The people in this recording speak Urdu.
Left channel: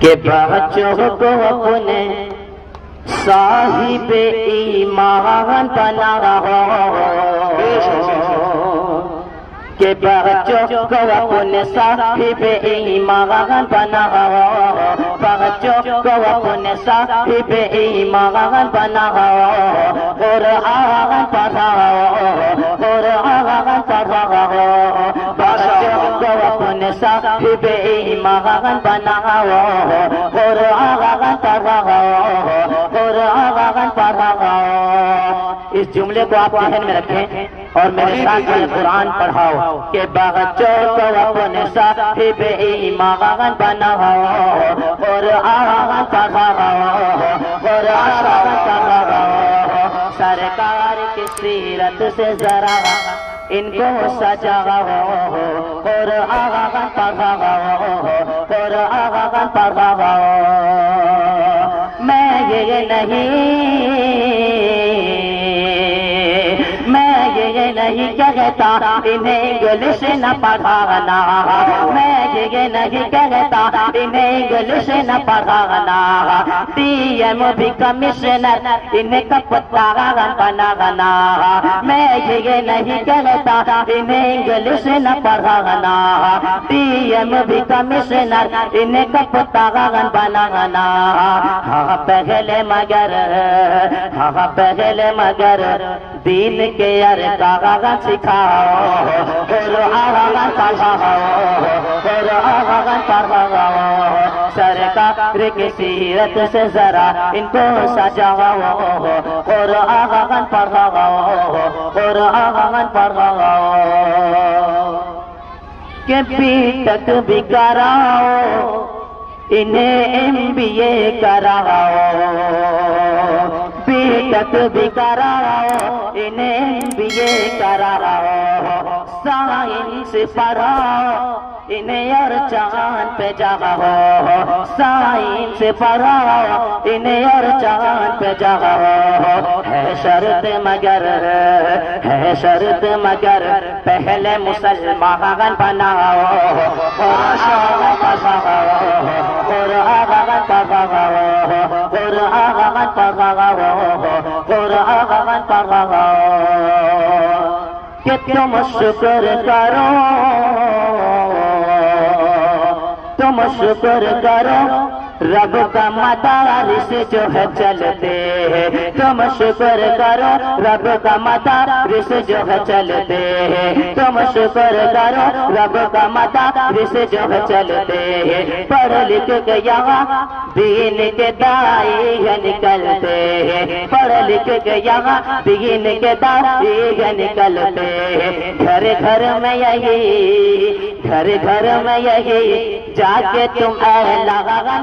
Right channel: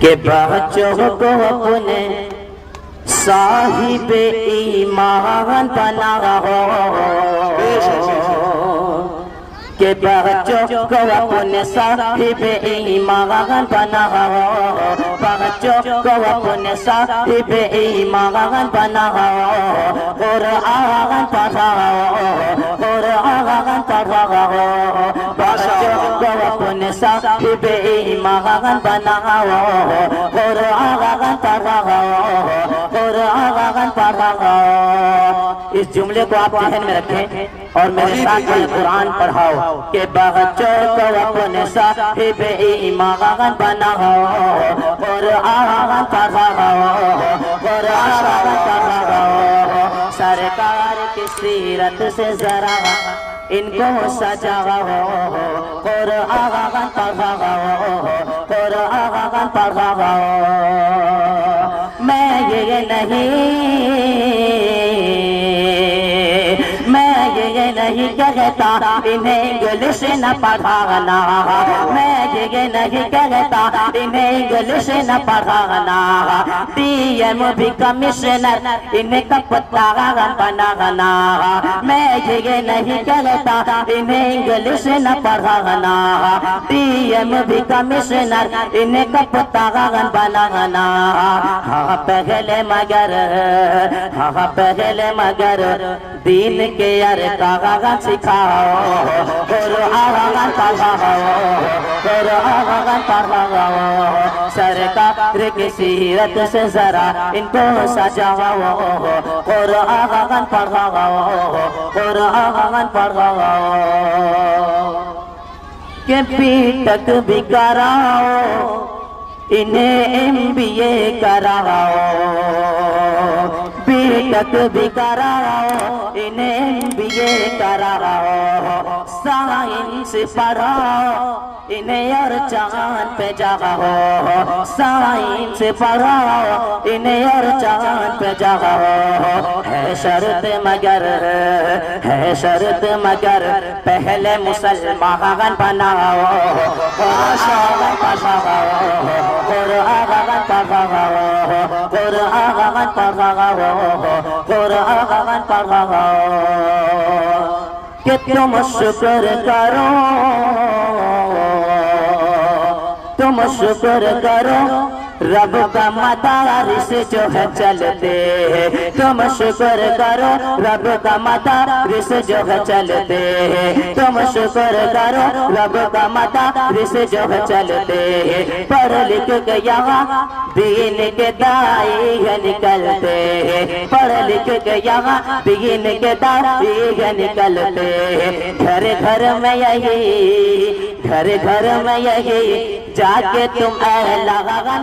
کہ بچوں کو اپنے صاحب ایمان بناؤ، کہ بچوں کو اپنے صاحب ایمان بناؤ، بچوں کو اپنے صاحب ایمان بناؤ، قرآن پڑھاؤ، قرآن پڑھاؤ، بچوں کو اپنے صاحب ایمان بناؤ، قرآن پڑھاؤ، قرآن پڑھاؤ۔ اس جملے کو آپ ذہن میں رکھیں اور میرے ساتھ قرآن پڑھاؤ کہ بچوں کو اپنے صاحب ایمان بناؤ، قرآن پڑھاؤ، قرآن پڑھاؤ۔ سرکار کی سیرت سے ذرا ان کو سجاؤ، قرآن پڑھاؤ، قرآن پڑھاؤ۔ میں یہ نہیں کہتا انہیں انگلش نہ پڑھانا، میں یہ نہیں کہتا انہیں انگلش نہ پڑھانا، ڈی ایم بھی کمشنر انہیں کپتان بنانا، میں یہ نہیں کہتا انہیں انگلش نہ پڑھانا، ڈی ایم بھی کمشنر انہیں کپتان بنانا۔ ہاں پہلے مگر دین کے ارکان سکھاؤ، قرآن پڑھاؤ، قرآن پڑھاؤ۔ سرکار کی سیرت سے ذرا ان کو سجاؤ، قرآن پڑھاؤ، قرآن پڑھاؤ۔ کہ بی ٹیک بھی کراؤ، انہیں MBA کراؤ، بی ٹیک بھی کراؤ، انہیں MBA کراؤ، سائنس پڑھاؤ انہیں اور چاند پہ جاؤ، سائنس پڑھاؤ انہیں اور چاند پہ جاؤ۔ ہے شرط مگر پہلے مسلمان بناؤ، قرآن پڑھاؤ، قرآن پڑھاؤ، قرآن پڑھاؤ، قرآن پڑھاؤ۔ کہ تم شکر کرو، تم شکر کرو رب کا مدارس جو ہے چلتے، تم شکر کرو رب کا مدارس جو ہے چلتے، تم شکر کرو رب کا مدارس جو ہے چلتے۔ پڑھ لکھ کے یہاں دین کے دائی نکلتے، پڑھ لکھ کے یہاں دین کے دائی نکلتے۔ گھر گھر میں یہی جا کے تم اعلان